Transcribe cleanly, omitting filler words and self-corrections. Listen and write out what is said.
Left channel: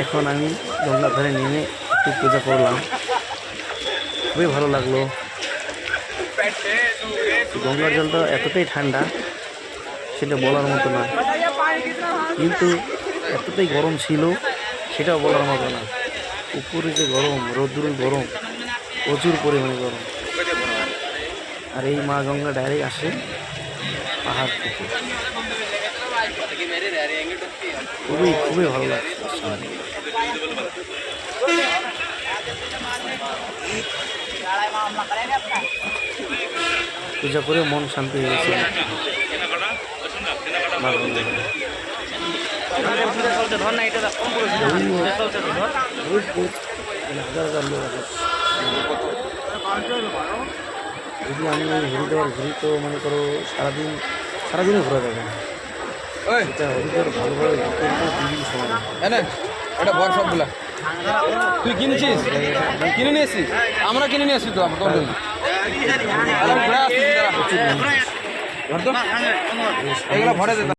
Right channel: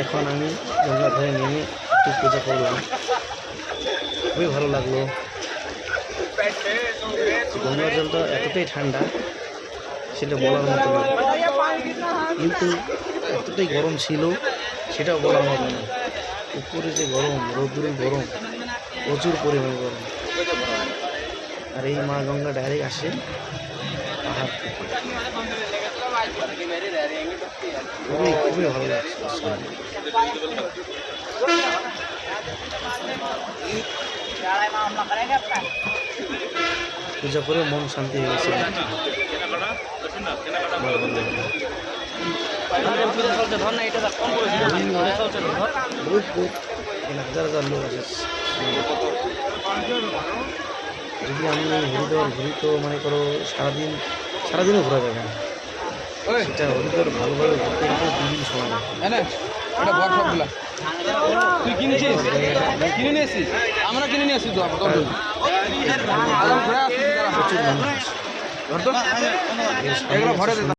এখন আমি গঙ্গার ধারে নেমে একটু পূজা করলাম, খুবই ভালো লাগলো। গঙ্গার জলটা এতটাই ঠান্ডা সেটা বলার মতো না, কিন্তু এতটাই গরম ছিল সেটাও বলার মতো না। উপরে যে গরম, রৌদ্রের গরম, প্রচুর পরিমাণে গরম। আর এই মা গঙ্গা ডাইরেক্ট আসে পাহাড় থেকে। খুবই খুবই ভালো লাগছে। পূজা করে মন শান্তি হয়ে গেছে। মা গঙ্গা হাজার হাজার লোক আছে। যদি আমি হরিদ্বার ঘুরি তো মনে করো সারাদিনও ঘোরা যাবে না। সেটা হরিদ্বার ভালোভাবে ঘুরতে গেলে 2 দিন সময় লাগে। তুই কিনেছিস? কিনে নিয়েছিস? আমরা কিনে নিয়েছি তো। প্রচুর মানুষ।